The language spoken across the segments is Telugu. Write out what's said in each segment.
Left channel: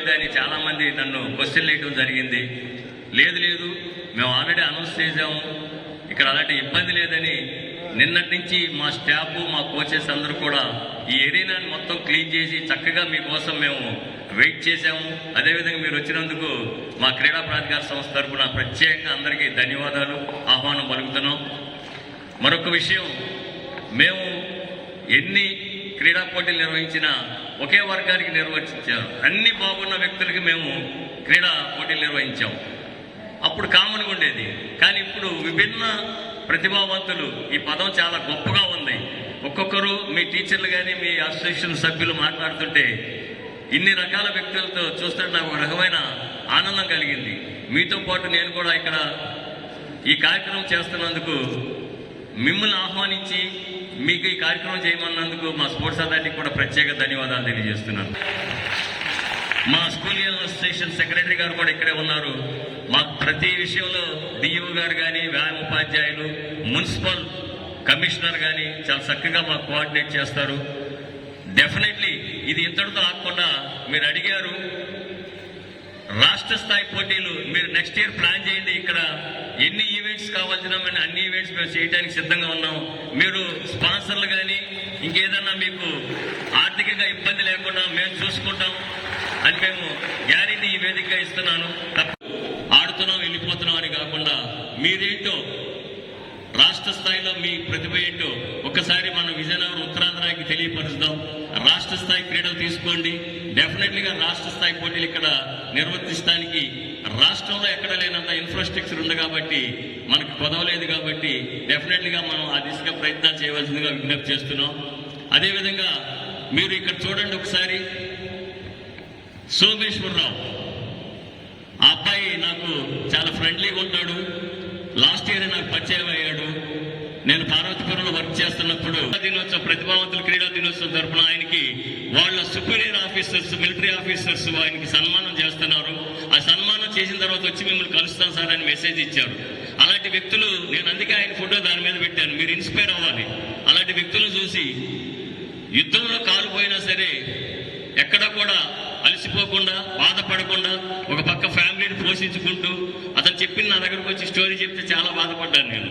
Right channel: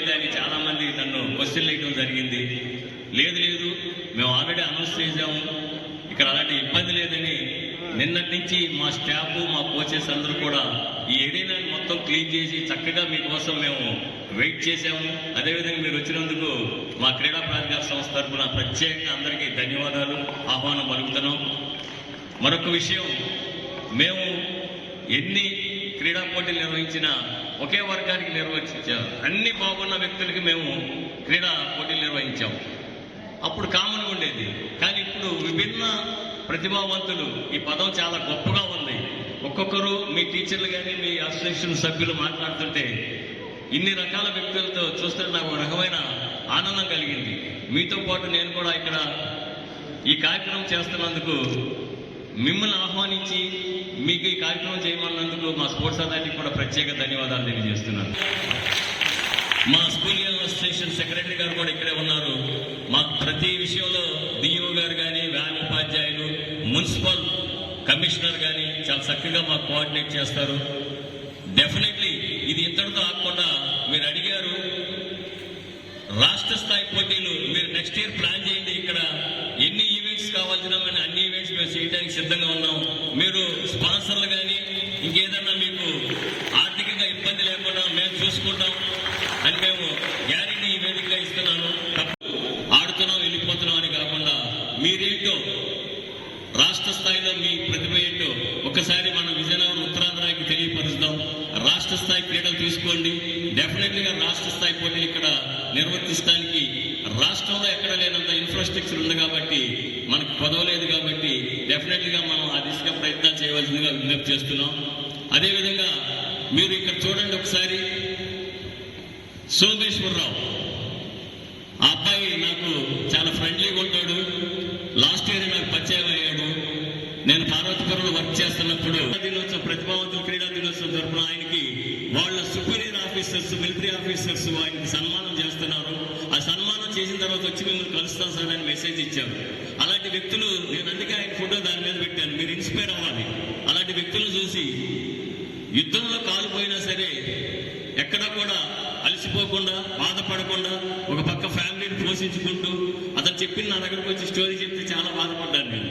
లేదా అని చాలామంది నన్ను క్వశ్చన్ వేయడం జరిగింది. లేదు మేము ఆల్రెడీ అనౌన్స్ చేసాము, ఇక్కడ అలాంటి ఇబ్బంది లేదని నిన్నటి నుంచి మా స్టాఫ్ మా కోచెస్ అందరూ కూడా ఈ ఏరియాని మొత్తం క్లీన్ చేసి చక్కగా మీకోసం మేము వెయిట్ చేశాము. అదేవిధంగా మీరు వచ్చినందుకు మా క్రీడా ప్రాధికార సంస్థ తరఫున ప్రత్యేకంగా అందరికీ ధన్యవాదాలు, ఆహ్వానం పలుకుతున్నాం. మరొక విషయం, మేము ఎన్ని క్రీడా పోటీలు నిర్వహించినా ఒకే వర్గానికి నిర్వహించాం. అన్ని బాగున్న వ్యక్తులకి మేము క్రీడా పోటీలు నిర్వహించాం. అప్పుడు కామన్గా ఉండేది. కానీ ఇప్పుడు విభిన్న ప్రతిభావంతులు, ఈ పదం చాలా గొప్పగా ఉంది. ఒక్కొక్కరు మీ టీచర్లు కానీ మీ అసోసియేషన్ సభ్యులు మాట్లాడుతుంటే ఇన్ని రకాల వ్యక్తులతో చూస్తుంటే నాకు ఒక రకమైన ఆనందం కలిగింది. మీతో పాటు నేను కూడా ఇక్కడ ఈ కార్యక్రమం చేస్తున్నందుకు, మిమ్మల్ని ఆహ్వానించి మీకు ఈ కార్యక్రమం చేయమన్నందుకు మా స్పోర్ట్స్ అథారిటీకి కూడా ప్రత్యేక ధన్యవాదాలు తెలియజేస్తున్నాను. మా స్కూల్ అసోసియేషన్ సెక్రటరీ గారు కూడా ఇక్కడే ఉన్నారు. మాకు ప్రతి విషయంలో డిఓ గారు కానీ, వ్యాయామ ఉపాధ్యాయులు, మున్సిపల్ కమిషనర్ కానీ చాలా చక్కగా మాకు కోఆర్డినేట్ చేస్తారు. డెఫినెట్లీ ఇది ఇంతటితో ఆగకుండా మీరు అడిగారు రాష్ట్ర స్థాయి పోటీలు మీరు నెక్స్ట్ ఇయర్ ప్లాన్ చేయండి. ఇక్కడ ఎన్ని ఈవెంట్స్ కావాల్సిన అన్ని ఈవెంట్స్ మేము చేయడానికి సిద్ధంగా ఉన్నాం. మీరు స్పాన్సర్లు కానీ ఇంకేదన్నా మీకు ఆర్థికంగా ఇబ్బంది లేకుండా మేము చూసుకుంటాం అని మేము గ్యారెంటీ ఈ వేదికగా ఇస్తున్నాను. ఆడుతున్నాం వెళ్ళిపోతున్నాం అని కాకుండా మీరేంటో రాష్ట్ర స్థాయిలో మీ ప్రతిభ ఏంటో ఒకసారి మనం విజయనగరం ఉత్తరాంధ్రాకి తెలియపరుస్తాం. రాష్ట్ర స్థాయి క్రీడలు తీసుకోండి. డెఫినెట్లీగా రాష్ట్ర స్థాయి పోటీలు ఇక్కడ నిర్వర్తించడానికి రాష్ట్రంలో ఎక్కడ లేనంత ఇన్ఫ్రాస్ట్రక్చర్ ఉంది కాబట్టి, మనకు పదవలేదు కాబట్టి డెఫినెట్లీగా మనం ఆ దిశగా ప్రయత్నాలు చేయవలసిందిగా విజ్ఞప్తి చేస్తున్నాం. అదేవిధంగా మీరు ఇక్కడ చూడండి ఒకసారి, సోమేశ్వరరావు ఆ అబ్బాయి నాకు చాలా ఫ్రెండ్లీగా ఉంటాడు. లాస్ట్ ఇయర్ నాకు పరిచయం అయ్యాడు. నేను పార్వతీపురంలో వర్క్ చేస్తున్నప్పుడు దినోత్సవం, ప్రతిభావంతుల క్రీడా దినోత్సవం తరఫున ఆయనకి వాళ్ళ సుపీరియర్ ఆఫీసర్స్, మిలిటరీ ఆఫీసర్స్ ఆయనకి సన్మానం చేస్తున్నారు. ఆ సన్మానం చేసిన తర్వాత వచ్చి మిమ్మల్ని కలుస్తాను సార్ అని మెసేజ్ ఇచ్చారు. అలాంటి వ్యక్తులు, నేను అందుకే ఆయన ఫోటో దాని మీద పెట్టాను, మీరు ఇన్స్పైర్ అవ్వాలి. అలాంటి వ్యక్తులు చూసి యుద్ధంలో కాలుపోయినా సరే ఎక్కడ కూడా అలసిపోకుండా, బాధపడకుండా, ఒక పక్క ఫ్యామిలీని పోషించుకుంటూ, అతను చెప్పిన నా దగ్గరకు వచ్చి స్టోరీ చెప్తే చాలా బాధపడ్డాను నేను.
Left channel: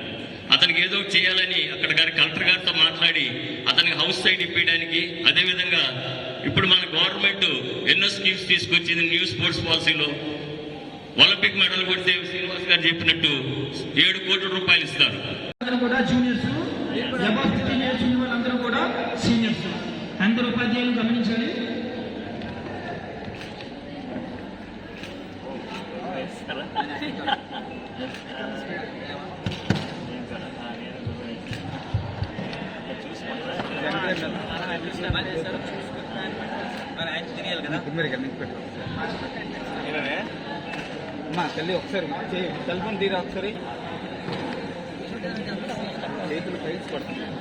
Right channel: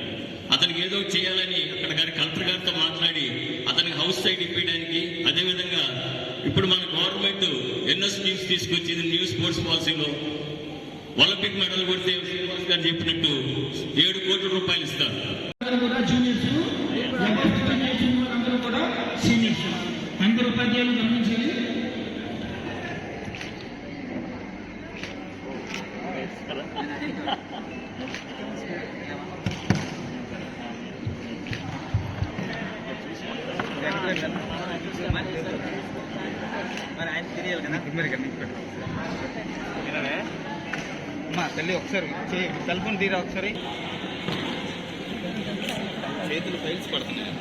అతనికి ఏదో చేయాలని అక్కడ కలెక్టర్ గారితో మాట్లాడి అతనికి హౌస్ సైడ్ ఇప్పించడానికి, అదేవిధంగా ఇప్పుడు మన గవర్నమెంట్ ఎన్నో స్కీమ్స్ తీసుకొచ్చింది. న్యూ స్పోర్ట్స్ పాలసీలో ఒలింపిక్ మెడల్ కొడితే శ్రీనివాస్ గారు చెప్పినట్టు 7 కోట్ల రూపాయలు ఇస్తారు. అందరూ ఉపాధ్యాయులు గమనించాలి. అమ్మా తల్లి ఒకసారి టెలిఫోన్ తీరా, ఒకసారి చేతులు ఫైల్స్ పడుతున్నాయి.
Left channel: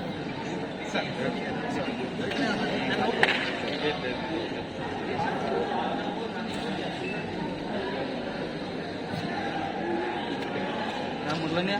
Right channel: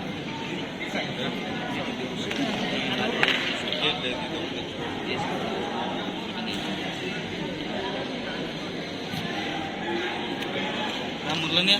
మురళనే